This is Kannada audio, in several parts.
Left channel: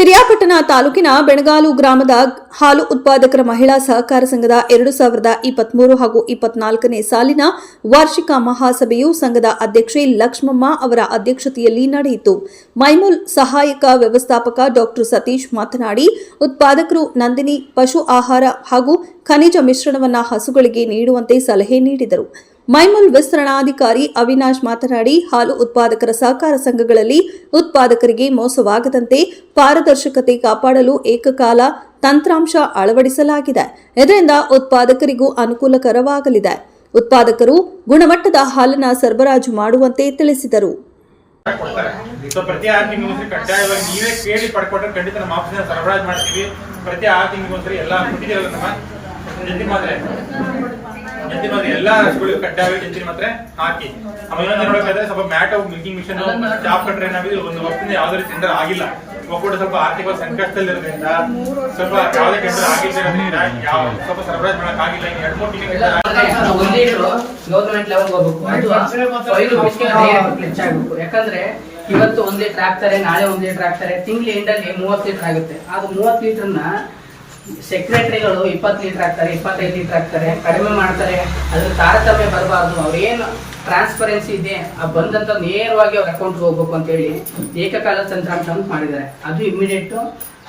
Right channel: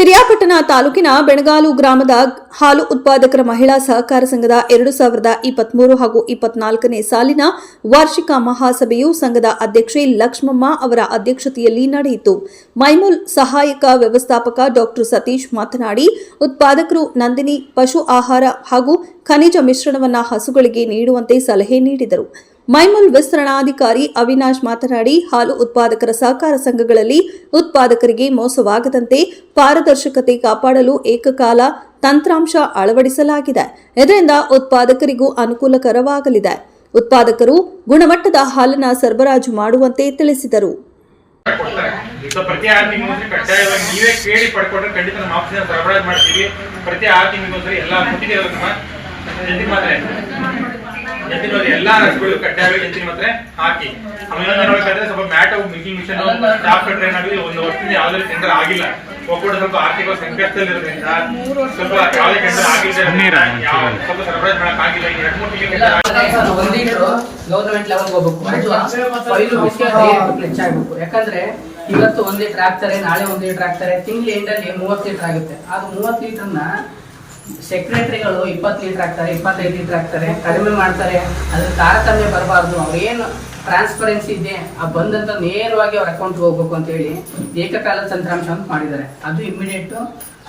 ಪಿರಿಯಾಪಟ್ಟಣ ತಾಲೂಕಿನ ಬೆಣಗಾಲು ಗ್ರಾಮದ ಹಾಲು ಉತ್ಪಾದಕರ ಮಹಿಳಾ ಸಹಕಾರ ಸಂಘದ 2023 ಹಾಗೂ 24ನೇ ಸಾಲಿನ ವಾರ್ಷಿಕ ಮಹಾಸಭೆಯು ಸಂಘದ ಅಧ್ಯಕ್ಷೆ ಲಕ್ಷ್ಮಮ್ಮ ಅವರ ಅಧ್ಯಕ್ಷತೆಯಲ್ಲಿ ನಡೆಯಿತು. ಮೈಮೂಲ್ ಸಹಾಯಕ ವ್ಯವಸ್ಥಾಪಕ ಡಾ ಸತೀಶ್ ಮಾತನಾಡಿ, ಉತ್ಪಾದಕರು ನಂದಿನಿ ಪಶು ಆಹಾರ ಹಾಗೂ ಖನಿಜ ಮಿಶ್ರಣವನ್ನು ಹಸುಗಳಿಗೆ ನೀಡುವಂತೆ ಸಲಹೆ ನೀಡಿದರು. ಮೈಮೂಲ್ ವಿಸ್ತರಣಾಧಿಕಾರಿ ಅವಿನಾಶ್ ಮಾತನಾಡಿ, ಹಾಲು ಉತ್ಪಾದಕರ ಸಹಕಾರ ಸಂಘಗಳಲ್ಲಿ ಉತ್ಪಾದಕರಿಗೆ ಮೋಸವಾಗದಂತೆ ಪಾರದರ್ಶಕತೆ ಕಾಪಾಡಲು ಏಕಕಾಲ ತಂತ್ರಾಂಶ ಅಳವಡಿಸಲಾಗಿದೆ. ಇದರಿಂದ ಉತ್ಪಾದಕರಿಗೂ ಅನುಕೂಲಕರವಾಗಲಿದೆ. ಉತ್ಪಾದಕರು ಗುಣಮಟ್ಟದ ಹಾಲನ್ನು ಸರಬರಾಜು ಮಾಡುವಂತೆ ತಿಳಿಸಿದರು. ಪ್ರತಿ 6 ತಿಂಗಳು ಕಡ್ಡಾಯವಾಗಿ ನೀವೇ ಕೇಳಿ ಪಡ್ಕೊಂಡ್ರೆ ಖಂಡಿತ ನಮ್ಮ ಆಫೀಸಿನ ಸರಬರಾಜು ಮಾಡ್ತೀವಿ. ಪ್ರತಿ 6 ತಿಂಗಳು ಎಲ್ಲ ಕೊಟ್ಟಿದ್ದೇವೆ. ನಮ್ಮ ಎಲ್ಲ ಹಸುಗಳು ಕಡ್ಡಾಯವಾಗಿ ಎತ್ತಿನ ಮಾತ್ರೆ ಹಾಕಿ. ಆಮೇಲೆ ಸ್ವಲ್ಪ mat milking machine staff train ಆಗಿದೆ. 1 ವರ್ಷದಿಂದ ಯಾವುದೇ ಟೆಂಡರ್ ಆಗಿಲ್ಲ. ಒಬ್ಬರು ಸ್ವಲ್ಪ ಆರ್ಥಿಕ ಸಂಕಷ್ಟದಲ್ಲಿರೋದ್ರಿಂದ ಸ್ವಲ್ಪ ಯಾವುದೇ ಟೆಂಡರ್ ಆಗಿಲ್ಲ, ಸ್ವಲ್ಪ ಸರಬರಾಜು ಮಾಡಕ್ ಆಗಿಲ್ಲ. 2-3 ತಿಂಗಳು ಗವರ್ನಮೆಂಟ್ ಲೆವೆಲ್ ಹೋಗ್ಬೇಕು. ಯಾಕಂದ್ರೆ ಇವತ್ತು 1 ಲೀಟರ್ ಹಾಕ್ತಾರೆ, ನಾಳೆ 1 ಲೀಟರ್ ಹಾಕ್ತಾರೆ. ತಿಂಗಳ ಎಂಡಲ್ಲಿ 30 ಲೀಟರ್ ಆಗುತ್ತೆ. ಅದು 30 ಲೀಟರ್ನ ಸೆಕ್ರೆಟರಿಗಳು 20 ಲೀಟರ್ ಹಾಕ್ತಾರೆ, 25 ಲೀಟರ್ ಹಾಕ್ತಾರೆ, ಕಡಿಮೆ ಮಾಡ್ತಾರೆ. ಅದ್ರ ತಾರತಮ್ಯ ಬರಬಾರ್ದು. ಅವ್ರೇನು ಟ್ರಾನ್ಸ್ಪರೆನ್ಸಿ ಇದೆ ಆ ಬಂದಂತ ನೇರವಾಗಿ ಅವ್ರ ಅಕೌಂಟ್ ಹೋಗ್ಬೇಕು ಅಂತ ಹೇಳಿ ಏಕಕಾಲದ ತಂತ್ರಾಂಶ ಅಂತ ಮಾಡಿದ್ದಾರೆ. ಅದು ಇಮಿಡಿಯೇಟ್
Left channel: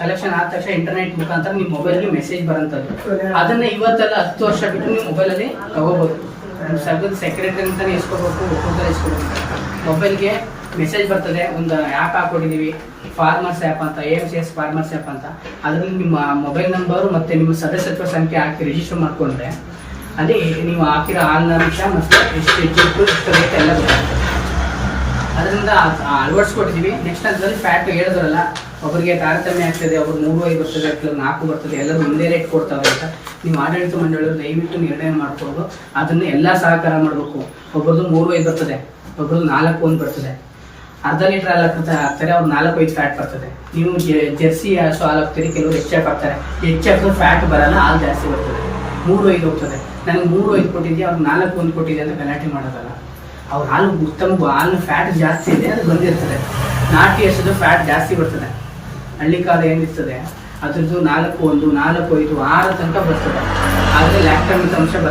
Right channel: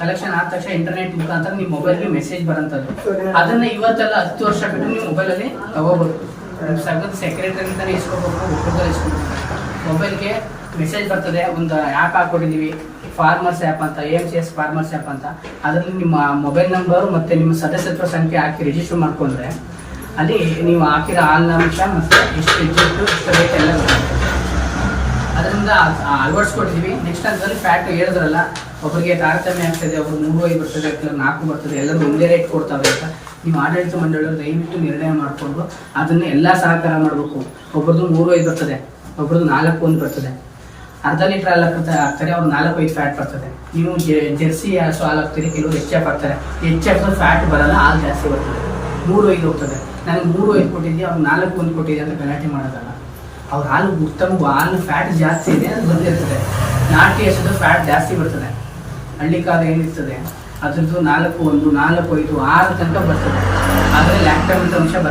ಕಲೆಕ್ಷನ್ ಆದ ತಕ್ಷಣ ಇಂಟರ್ನೆಟ್ ಮುಖಾಂತರ ನಿಮ್ಮ ಮೊಬೈಲ್ಗೆ ಮೆಸೇಜ್ ಬರೋಂಥದ್ದು. ಅದನ್ನ ಇವತ್ತೆಲ್ಲ 10 ವರ್ಷ ಬಿಟ್ಟು ನಿಮ್ಮ ಮೊಬೈಲಲ್ಲಿ ತಗೋಬಹುದು. ಸಂಘದ ಸೆಕ್ರೆಟರಿ ಅಂತಾನೆ ಇಸ್ಕೋಬೇಕು, ಒಕ್ಕೂಟದಲ್ಲಿ ಇಸ್ಕೋಬೇಕು. ಮೊಬೈಲ್ಗೆ ಮೆಸೇಜ್ ಬರ್ತದೆ. ಒಂದು ಆ್ಯಪ್ ಹಾಕೊಟ್ಟಿದ್ದೀವಿ, ಫಾರ್ಮರ್ಸ್ ಆ್ಯಪ್ ಅಂತ, AMCS ಫಾರ್ಮರ್ಸ್ ಆ್ಯಪ್ ಅಂತ. ಅದರಲ್ಲಿ ನಿಮ್ಮ ಮೊಬೈಲ್ ನಂಬರು ಮತ್ತು ನಿಮ್ಮ ಸದಸ್ಯತ್ವ ಸಂಖ್ಯೆ ಹಾಕಿ ರಿಜಿಸ್ಟರ್ ಮಾಡಿಕೊಂಡ್ರೆ ಅಲ್ಲಿ ನೀವು ಹಾಕಿರೋ ಹಾಲಿನ ಅಂಶ ಮತ್ತು ಎಷ್ಟು ರೇಟ್ ಎಲ್ಲ ಗೊತ್ತಾಗ್ತದೆ. ಅದರಿಂದ ಅಳವಡಿಸ್ಕೊಟ್ಟಿದ್ದೀವಿ. ನೆಕ್ಸ್ಟ್ ಹಂತದಲ್ಲಿ ಫ್ಯಾಟ್ ಹೇಳಿದ್ರಲ್ಲ, ಒಬ್ಬರಿಗೆ ತಾರತಮ್ಯ ಆಗ್ತದೆ, ಒಬ್ರು 3.5 ಬರ್ತದೆ, 4 ಬರ್ತದೆ, ಎಲ್ಲರೂ ಒಂದೇ ರೇಟ್ ಕೊಡ್ತಾವೆ ಅಂತ ನೀವು ಆಡಳಿತ ಮಂಡಳಿಯವರು ದಯವಿಟ್ಟು ನಿರ್ಣಯ ಮಾಡ್ಕೊಂಡು ಅದನ್ನು ಎಲ್ಲ ಸಹಕಾರ ಮಾಡಬೇಕು. ಒಬ್ರದ್ದು 3.5 ಬರ್ತದೆ, ಒಬ್ರದ್ದು 4.1 ಬರ್ತದೆ. ಅರ್ಧ ಲೀಟರ್ ಹಾಲು ಹಾಕ್ತಾರೆ, ಅವ್ರು 4.5 ಫ್ಯಾಟ್ ಬರ್ತದೆ. ನೀವು ಜೆರ್ಸಿ ಹಸು ಹಾಲು ಹಾಕ್ತೀರಿ, ಕೆಲವರು HF ಹಾಕ್ತಾರೆ. HF ಫ್ಯಾಟ್ ಬರಲ್ಲ, ಹಾಲು ಜಾಸ್ತಿ ಬರ್ತದೆ. 3.5 ಹೋಗ್ತದೆ. ನನಗೆ 3.5 ಕೊಟ್ಟಿದ್ದೆ, ಅವ್ರು 4.1 ಕೊಟ್ಟಿದ್ದೆ ಅಂತ ಗಲಾಟೆ ಮಾಡೋದಲ್ಲ. ಅವ್ರ ಹಾಲು ಉತ್ತಮ, ಹಾಲು ಫ್ಯಾಟ್ ಜಾಸ್ತಿ ಇದೆ, ಅದು ಬಂದಿರ್ತದೆ. ನಾಟಿ ಹಸುದು ಫ್ಯಾಟ್ ಜಾಸ್ತಿ ಬರ್ತದೆ. ಹಳ್ಳಿ ಕಾಲ ಏನಿರ್ತದೆ ಅದ್ರದ್ದು 4.1, 4.5, 6 ತನಕ ಬರ್ತದೆ. ಆದರೆ ಲ್ಯಾಕ್ಟಮಿಕ್ ಅಂಶ ಬರಲ್ಲ.